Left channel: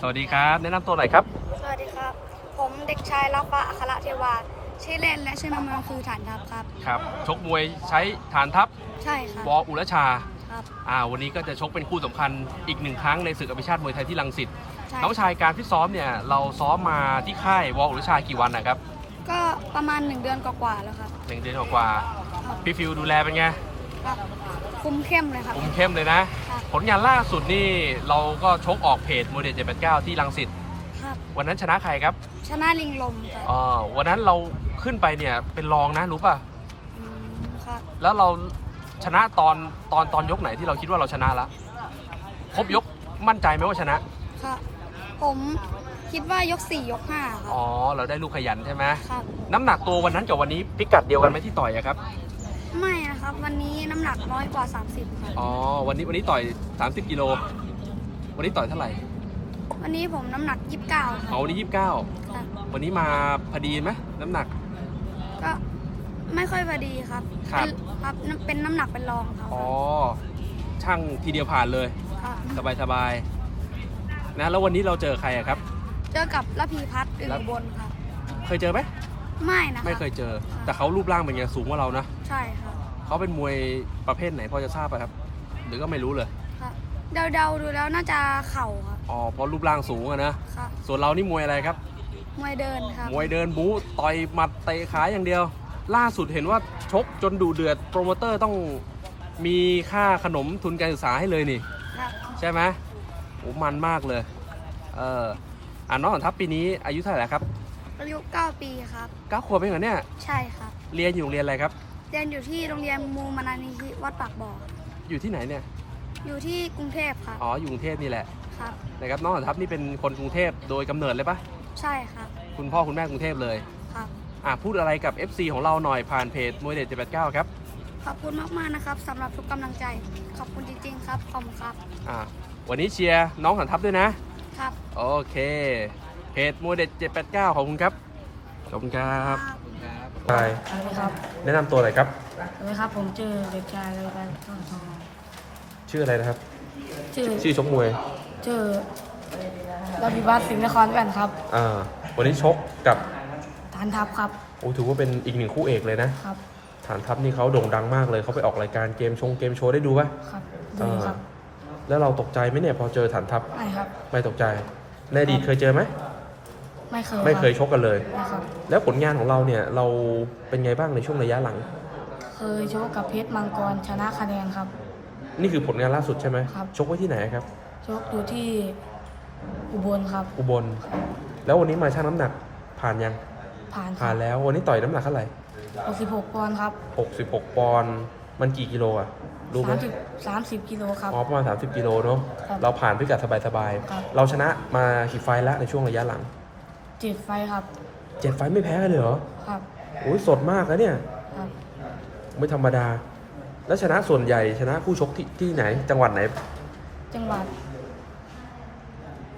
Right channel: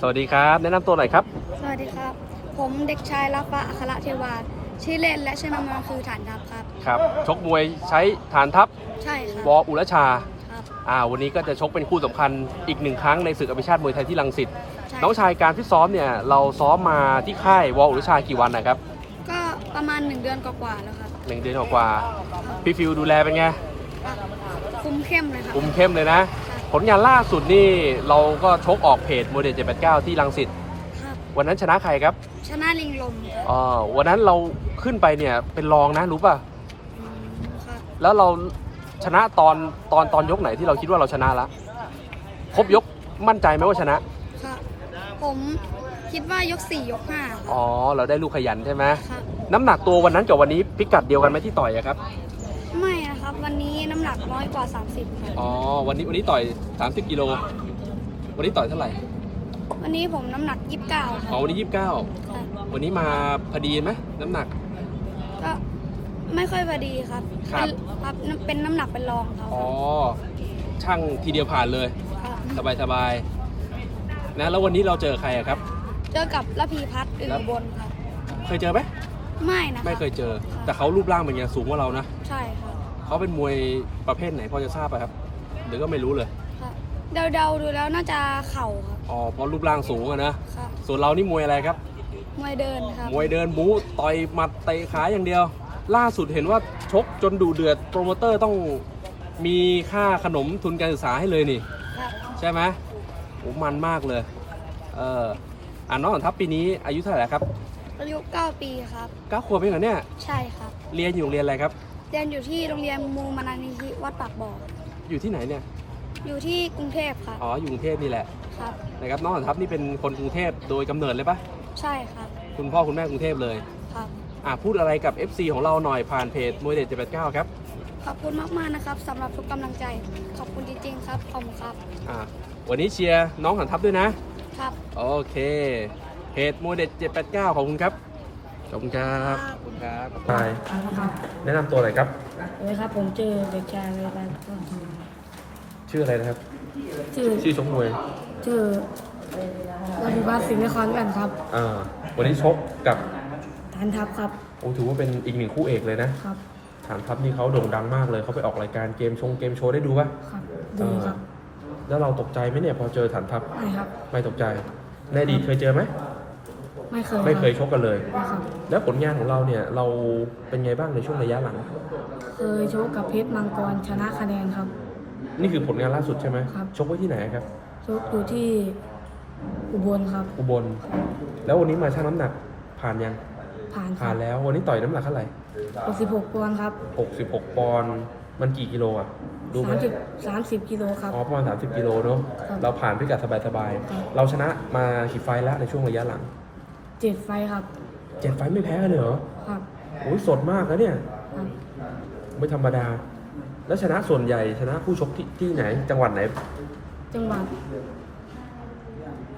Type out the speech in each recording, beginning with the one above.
สวัสดีครับ แนะนําตัวหน่อยครับ สวัสดีครับ ผมเด็กชายรัฟปะอัคระเทวาชื่อเล่นและชื่อนามนาคือฐานทัพครับ ครับ ชกมวยใช้ฐานทัพ ใช่ครับวออุรชา ครับ อ่า วันนี้ก็จะชกเป็นคู่สําคัญอีกหนึ่งครั้งในศึกอภิชาติมวยไทยที่ลังสิตน้องชายการที่ซ้อมเนี่ย เราซ้อมมาที่ค่ายวออุรชากี่วันนะครับ ก็ประมาณหนึ่งเดือนกว่ากว่าแล้วครับหนึ่งเดือนกว่ากว่าพี่ฟิวดูแลเป็นไง ครับ คุ้มเข้มเลยครับ คุ้มเข้มเลยนะผลงานล่าสุดนี่เราก็ชกออกเพจโมเดลเเจ็ดดแปก้าที่ลังสิต ครับ วันนั้นชนะใครครับ ชนะลิงลมครับอ๋อวันนั้นเราขึ้นไปเนี่ยเป็นรองนะรู้ป่ะ ค่ะ แล้วเราชนะตอนตอนตอนยกไหนที่เราคิดว่าเราชนะแล้ว ครบยกมั่นใจไหมว่าชนะ ค่ะ ผมคิดว่ายกสี่ยกห้าครับ อ๋อ เราได้ลูกขยันใช่ไหมครับน้ำหนักตัววันนั้นกับวันนี้พิกัดเดียวกันไหมที่ต่อยครับครับวันนี้น้ำหนักน้อยกว่า30ค่ะอ๋อวันนี้วันนี้ต่อย30กิโลวันนี้ต่อยเท่าไหร่ วันนี้ผมน้ำหนัก29ค่ะวันนี้29วันนี้มาพอดีไหมน้ำหนักก็ไม่ค่อยพอดีครับครับ เป็นน้ำหนักเป็นรองเขาอ๋อช่างทีเดียวผ่านเลยสบายสบายนะแล้ววันนี้เราเจอใครครับ เจอกับละพีพัฒน์อือบนค่ะเคยเจอไหมไม่นะไม่เคยเจอ แต่เขารูปร่างเป็นยไงสูงกว่าเรานะใช่ค่ะเขาเป็นมวยประเภทไหนพอจะทราบไหมครับ หรือก็ไม่รู้เลยเดาเดาดูแล้วน่าจะเข่าครับ อ๋อเพราะรูปร่างสูงอะนะ ส่วนเรานี่มวยอะไรครับ มวยเดินครับ มวยเดินบู๊ต่อยหมัดเตะขาอย่างเดียว ล่าสุดเห็นว่าชกจนดูเดือด โปรโมเตอร์ต้องมีค่าขนมทุนการศึกษาให้เลยนี่ ใช่ไหมโอ้มันมากเลยเอออ่าน้องอ่อนทัพปีนี้อายุเท่าไหร่ครับอายุเก้าปีครับเก้าขวบเองเหรอเนี่ยใช่ครับเรียนอยู่โรงเรียนอะไรครับเรียนอยู่ที่โรงเรียนมูมานานิธิวัดปากบอ่ออยู่ที่ไหนเนี่ย อยู่ที่กรุงเทพค่ะ อ๋อ อยู่กรุงเทพนี่แหละ ครับนะครับ น้องนทัพนี่เป็นคนกรุงเทพโดยกําเนิดเลยปะใช่ค่ะ คุณพ่อคุณแม่กรุงเทพเลยครับอ่ะพูดอะไรกับ FC ของเราหน่อยผ่านเพจมวยเด็ดเจ็ดแปดเก้าครับ ขอบคุณมากมากนะครับสําหรับทุกกําลังใจ ขอบคุณจริงๆครับขอบคุณครับ อ่า วันนี้เชียร์น้องหันทัพด้วยนะ ครับ โอเคเพจมวยเด็ดเจ็ดแปดเก้าของคุณครับขอบคุณครับขอบคุณครับลายครับแนะนำตัวหน่อยครับเลยครับผมเจอเด็กชายเลยไปต้นทองชื่ออะไรครับ ชื่อชื่อชกมวยชื่อราบิบัาสิงห์นครกันครับอ่าวันนี้ชกกับฐานทัพครับโอ้ถือว่าเป็นอีกหนึ่งคู่เอกเลยนะครับฐานทัพนี่เขาโด่งดังมากเลยเขาไปออกรายการเกมชงเกมโชว์ได้ดูไหมครับดู ครับ แล้วเราตกใจไหมเนี่ยพอเจอฐานทัพไม่ครับไม่ตกใจเลยดีเคยเจอไหมไม่เคย ไม่เคยชกกันเลยแล้วผลงานของเราเนี่ยเราเป็นไงบ้างในช่วงระยะหลัง เคยชกกับ เพชรมังกรชนะคะแนนครับ นี่คือผลงานล่าสุดใช่ไหมครับชกที่ไหนครับ ชกอยู่ที่อุบลครับ อุบลแล้ววันนี้มาชั่งน้ําหนักผ่านยัง ผ่าน ผ่านแล้ว วันนี้ต่อยน้ําหนักเท่าไหร่หกสิบหกปอนด์ครับหกสิบหกปอนด์มันกี่กิโลอ่ะสามสิบสามสิบกิโลครับประมาณสามสิบกิโลเนาะ เราผ่านไปกับสบายๆรเราชนะมากี่ไฟล์แล้วในช่วงระยะหลังเจ็ดไฟครับ เจ็ดไฟไม่แพ้เลยเหรอ ครับโอ้ยสดมากนะเนี่ย ครับ ไม่ธรรมดา แล้วชนะส่วนใหญ่ชนะคู่ชกที่ที่ไหน จังหวัดไหน จังหวัด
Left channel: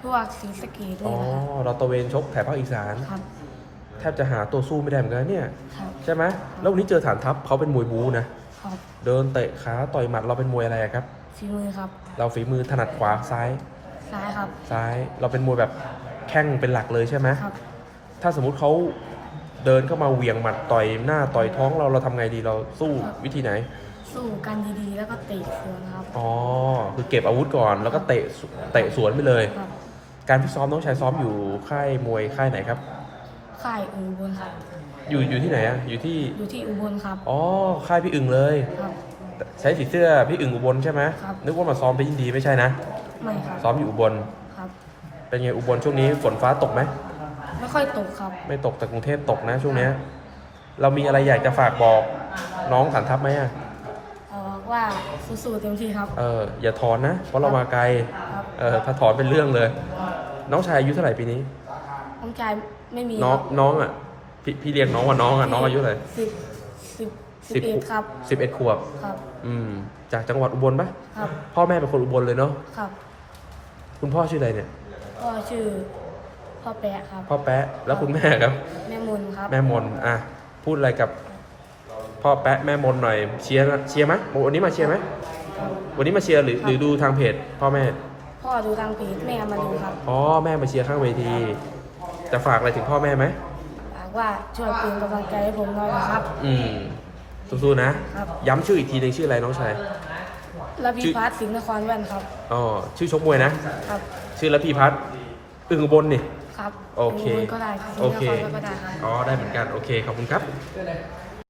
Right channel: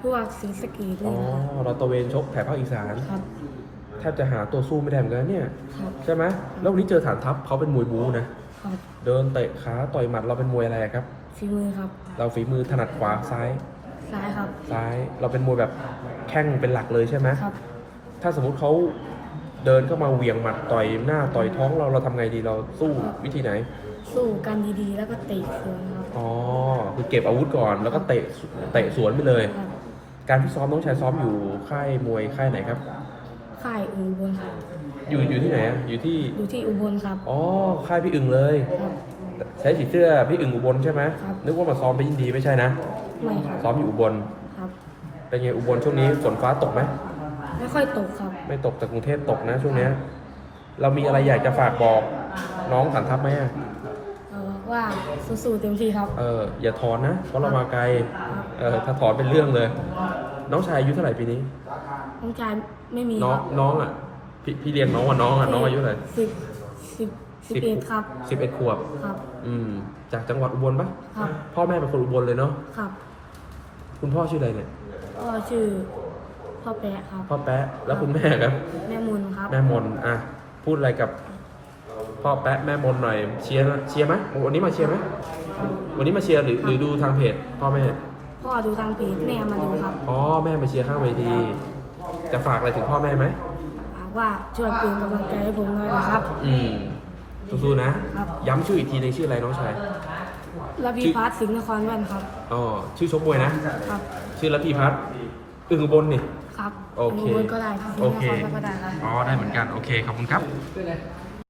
พวกสิงสกีด้วยนะครัะเราตัวเวนชกแถบภาคอีสาน ครับ แทบจะหาตัวสู้ไม่ได้เหมือนกันเนี่ยใช่ไหมแล้ววันนี้เจอฐานทัพเขาเป็นมวยบู๊นะเดินเตะขาต่อยหมัดเราเป็นมวยอะไรครับฝีมือครับ เราฝีมือถนัดขวาซ้ายซ้ายครับซ้ายเราเป็นมวยแบบแข้งเป็นหลักเลยใช่ไหมครับ ถ้า สมมุติเขาเดินเข้ามาเหวี่ยงหมัดต่อยหน้าต่อยท้อง เราเราทำไงดีเราสู้วิธีไหน สู้กันดีๆ แล้วก็เตะสวนครับ อ๋อคือเก็บอาวุธก่อนแล้วก็เตะเตะสวนไปเลย การที่ซ้อมน้องชายซ้อมอยู่ค่ายมวยค่ายไหนครับ ค่ายอุบลค่ะอยู่อยู่ที่ไหนอยู่ที่ อยู่ที่อุบลครับ อ๋อค่ายพี่อึงเลยใช้สีเสื้อพี่อึ่งอุบลใช่ไหมนึกว่ามาซ้อมไปยินดีไม่ใช่นะ ไม่ครับซ้อมอยู่อุบล ครับเป็นไงอุบลช่วงนี้ฝนฟ้าตกไหม ไม่ค่อยตกครับ ไม่ตกแต่กรุงเทพตกนะช่วงนี้ เรามีอะไรอยากจะฝากบอก น้องสันทับไหมอ่ะว่าสู้ๆเต็มที่ครับ เออ อย่าถอนนะ เพราะเรามาไกล เออถ้าถอนเป็นเรื่องเลย น้องชายอายุเท่าไหร่ปีนี้ น้องชายไม่มีน้องน้องอ่ะพี่เรียนน้องว่าน้องอ่ะน้องอายุเท่าไหร่สิบสิบเอ็ดครับ สิบเอ็ดขวบ ครับ อืมจากจังหวัดอุบลปะครับ พ่อแม่เป็นคนอุบลเลยเนาะ ครับ คุณพ่อชื่ออะไรเนี่ยพ่อชื่อพ่อแปะครับ พ่อแปะ แล้วคุณแม่ครับ แม่มนครับ แม่มนอ่ะ พูดอะไรกับพ่อแปะแม่มนหน่อย เชียร์เชียร์ไหมวันนี้มาเชียร์ไหมวันนี้มาเชียร์หรือหรือดูทางเพจพ่อแม่ พ่อดูทางเพจแม่มาดูครับพ่อแม่มาเชียร์ข้างเวที จะฝากอะไรถึงพ่อแม่ไหมฝากว่าช่วยเป็นกำลังใจให้ผมหน่อยนะครับ อืมสู้ๆนะ ย้ำชื่ออีกทีได้ชื่ออะไรน้องชายลพีพัฒน์ สิงห์นครแว่นครับ อ๋อ ชื่อชกมวยนะ ครับ ชื่อลพีพัฒน์ตึงบนนี่ ครับ โอึ่งบนก็ได้ สิงห์นครก็ได้ครับอ๋อได้เหมือนกัน โอเค ขอบคุณครับ